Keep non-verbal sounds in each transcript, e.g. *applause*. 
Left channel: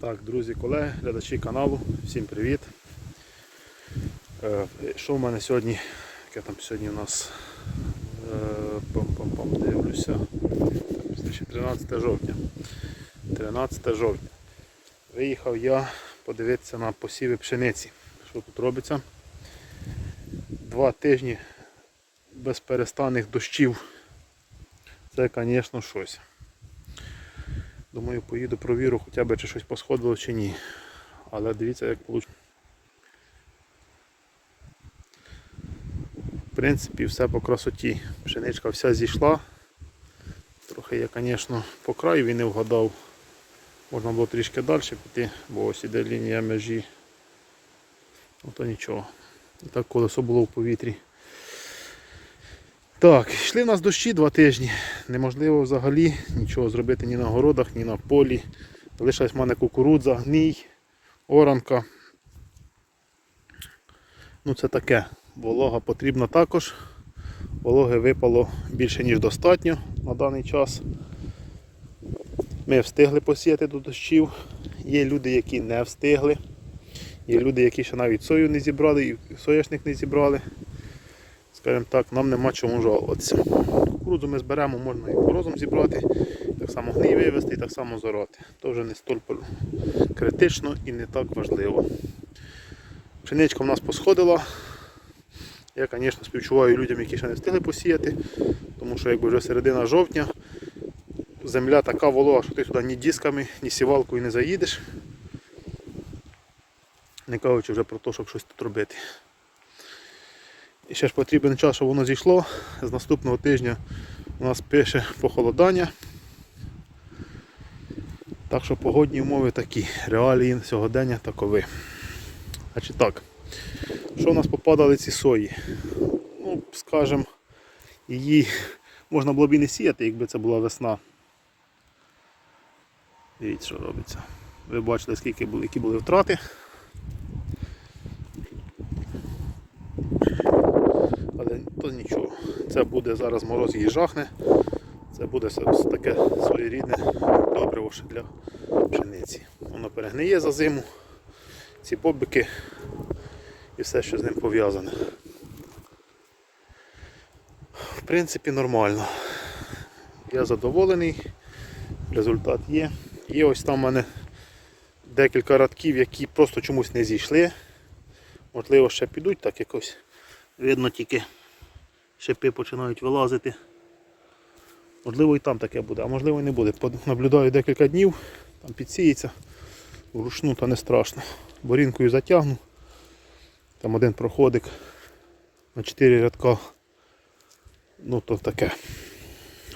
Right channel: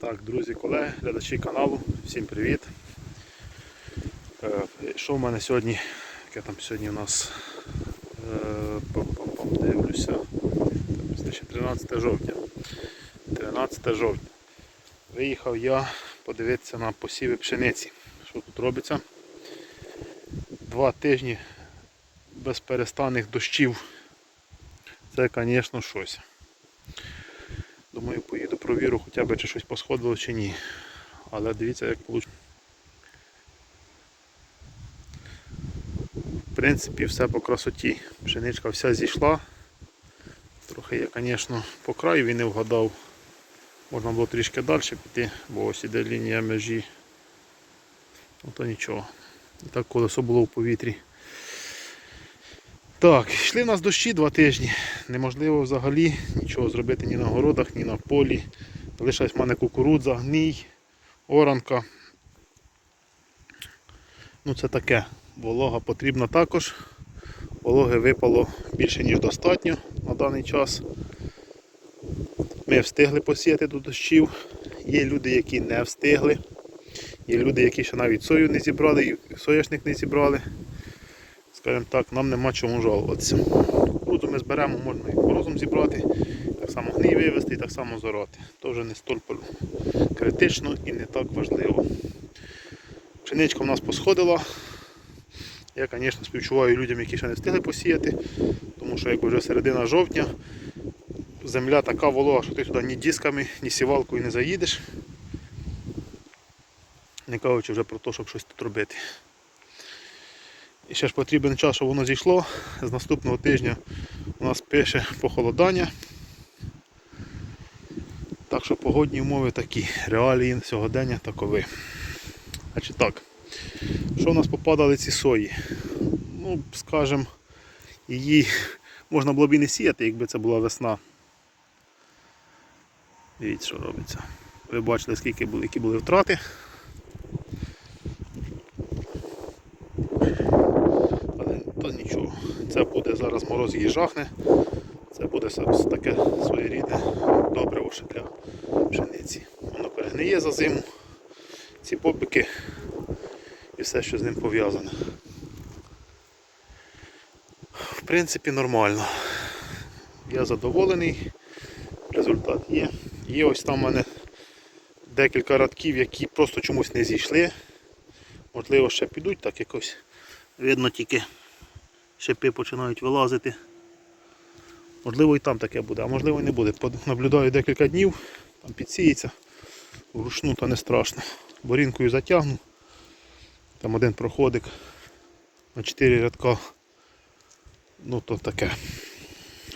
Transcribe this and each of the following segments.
Так, друзі, колеги, глядачі каналу, всім привіт. Е, Що в мене сьогодні? Яке там сьогодні у нас е, пам-пам-пам, дивлюся. Це 13 жовтня. 13 жовтня. Виїхав я подивитися на посіви пшениці. Що тут робиться? Два тижні безперестанних дощів. Це, звісно, щось. Думаю, поїду провірю хоча б чи щось посходило чи ні. Але дивіться як вийшло. В принципі, все по красоті. Пшеничка вся зійшла. Трохи я, звісно, по краю він не вгадав. Можна було трішки далі піти, бо ось іде лінія межі. Ну то нічого. І так колесо було в повітрі. Так, йшли в нас дощі два тижні. Неможливо взагалі нічого зробити ні на городах, ні на полі. Залишилась в мене кукурудза, гній, оранка. Ну це таке. Волога потрібна також. Вологи випало більше ніж достатньо на даний час. Ми встигли посіяти до дощів. Є люди, які не встигли. Є люди, які ще навіть сою не зібрали, і соняшник не зібрали. Скажімо так, нам нема чому жалуватися. Кукурудзу ми зберемо, можна і порозум зібрати, так само гній вивезти і так само зорати. То вже не столь критично і не так важливо. Пшеничка в нас посходила. Я, звісно, співчуваю людям, які ще не встигли посіяти, тому що якби вже середина жовтня, земля така волога, що ти туди ні дисками, ні сівалкою не заїдеш. Не кажучи вже про те, щоб щось тут робити. І ще ж потрібен час, щоб воно зійшло. З наступного тижня у нас пише похолодання. Так що погодні умови такі, реалії сьогодення такові. Значить так, що у нас попадали ці сої? Ну, скажімо, її можна було б і не сіяти, якби це була весна. Дивіться, що робиться. Ви бачили, скільки були, які були втрати. Але то нічого. Це буде зараз мороз її жахне. Це буде таке своєрідне добриво ще для пшениці. Воно перегниє за зиму, ці побики і все, що з ним пов'язано. В принципі, нормально. Я задоволений, результат є. Є ось там у мене декілька радків, які просто чомусь не зійшли. Можливо, ще підуть, так якось видно тільки шипи починають вилазити. Можливо і там таке буде, а можливо і не буде. Наблюдаю декілька днів, там підсіється, вручну та не страшно. Борінкою затягну. Там один проходик на 4 рядка. Ну то таке.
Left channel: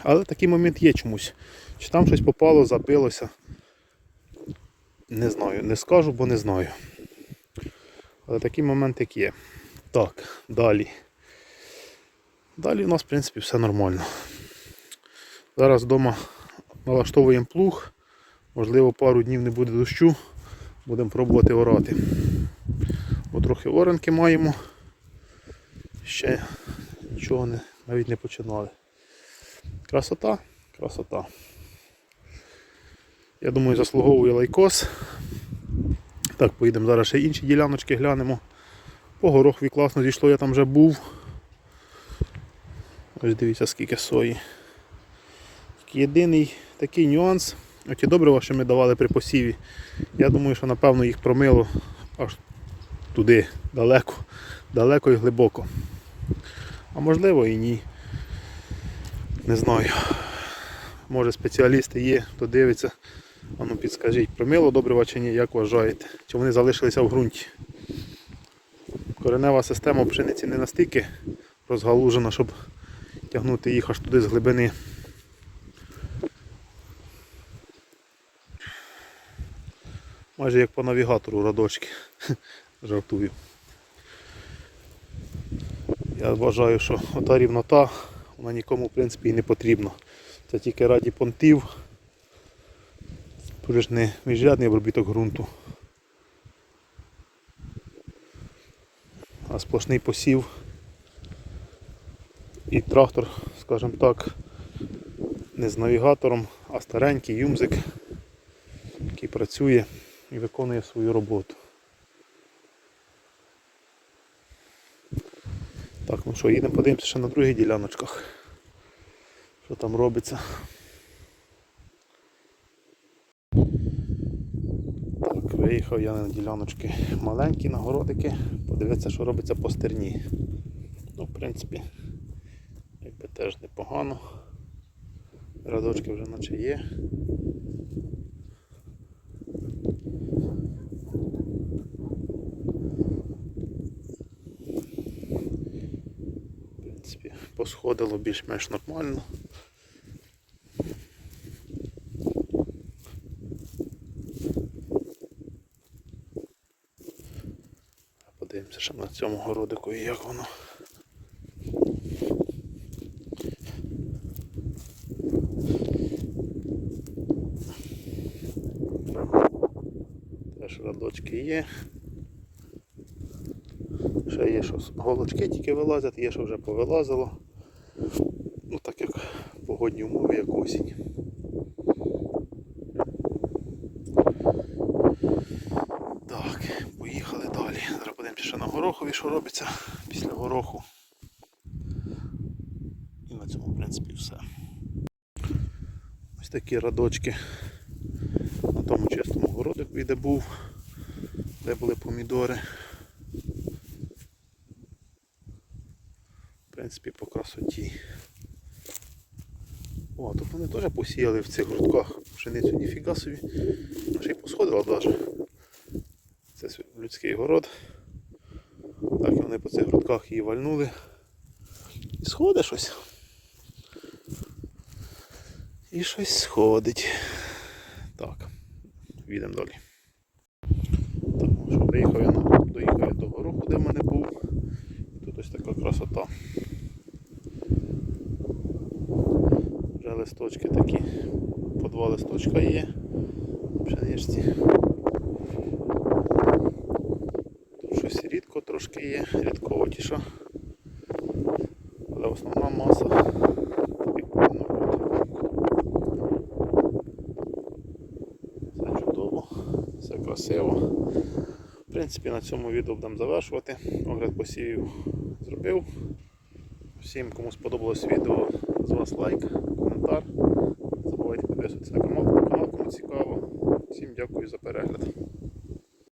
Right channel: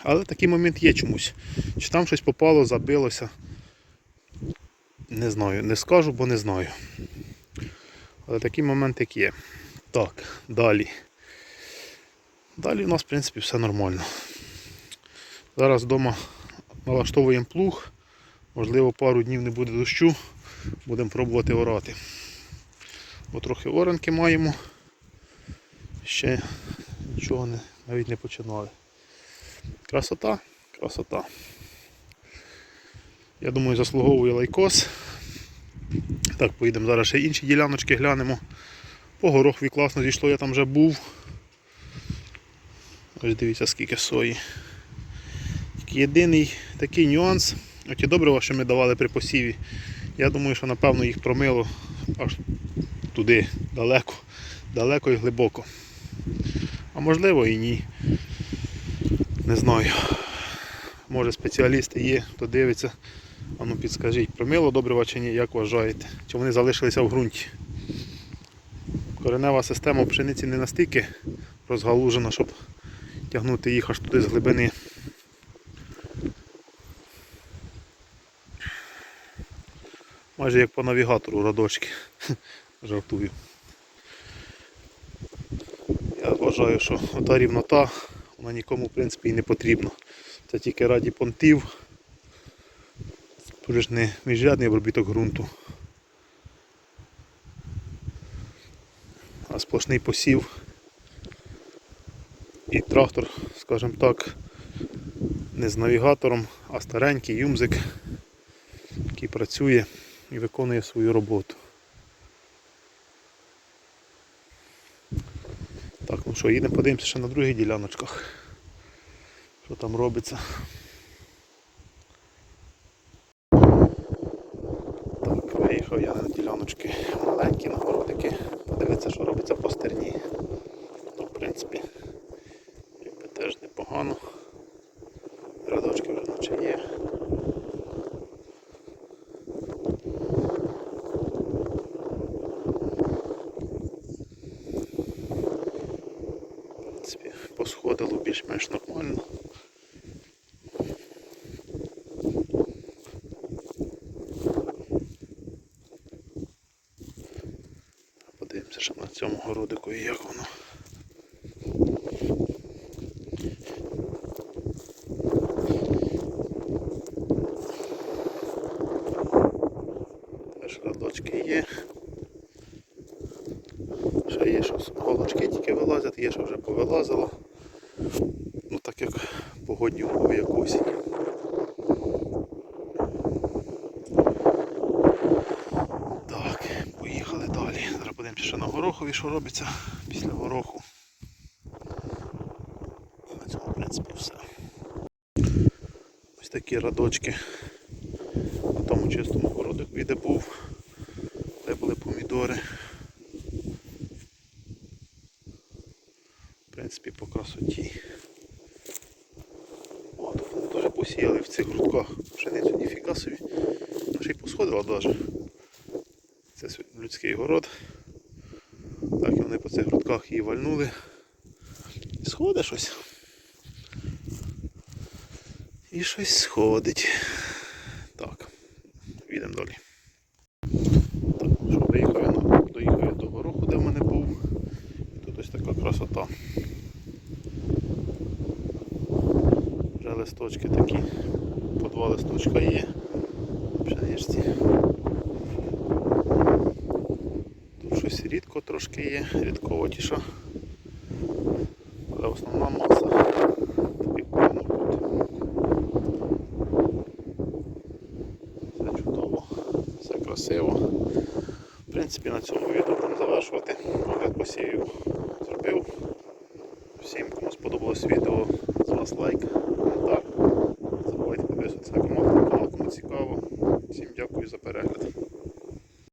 Але такий момент є чомусь. Чи там щось попало, забилося. Не знаю, не скажу, бо не знаю. Але такий момент як є. Так, далі. Далі у нас в принципі все нормально. Зараз вдома налаштовуємо плуг. Можливо пару днів не буде дощу. Будемо пробувати орати. Бо трохи оранки маємо. Ще нічого не, навіть не починали. Красота, красота. Я думаю, заслуговує лайкос. Так, поїдемо зараз ще інші діляночки глянемо. По горохві класно зійшло, я там вже був. Ось дивіться скільки сої. Єдиний такий нюанс. Оті добрива, що ми давали при посіві. Я думаю, що напевно їх промило аж туди, далеко, далеко і глибоко. А можливо і ні. Не знаю. Може спеціалісти є, хто дивиться. А ну підскажіть, промило добрива чи ні, як вважаєте? Чи вони залишилися в ґрунті? Коренева система пшениці не настільки розгалужена, щоб тягнути їх аж туди з глибини. Майже як по навігатору радочки. *laughs* Жартую. Я вважаю, що та рівнота вона нікому в принципі і не потрібна. Це тільки раді понтів. Тут ж не міжрядний обробіток ґрунту. А сплошний посів і трактор, скажімо так, не з навігатором, а старенький юмзик, який працює. і виконує свою роботу. Так, ну що, їдемо подивимося ще на других діляночках. Що там робиться. Так, виїхав я на діляночки маленькі, на городики. Подивитися, що робиться по стерні. Ну, в принципі, теж непогано. Радочки вже наче є. В принципі, посходило більш-менш нормально. Подивимося, що на цьому городику і як воно. Радочки є. Ще є, що голочки тільки вилазять, є, що вже повилазило. Ну так як погодні умови, як осінь. Так, поїхали далі. Зараз подивимося ще на горохові, що робиться після гороху. І на цьому, в принципі, все. Ось такі радочки на тому чистому городику, де був, де були помідори. В принципі, по красоті. О, тут вони теж посіяли в цих грудках пшеницю ніфіга собі. Ще й посходила навіть. Це людський город. Так і вони по цих грудках її вальнули. І сходить щось. І щось сходить. Так, їдемо далі. Я на доїхав я до гороху, де в мене був. І тут ось така красота. Вже листочки такі. По два листочка є. Пшеничці. Тут щось рідко трошки є, рідковатіша. Але основна маса так як повинно бути. Все чудово, все красиво. В принципі, на цьому відео будемо завершувати. Огляд посівів зробив. Всім, кому сподобалось відео, з вас лайк, коментар. Не забувайте підписуватися на канал, кому цікаво. Всім дякую за перегляд.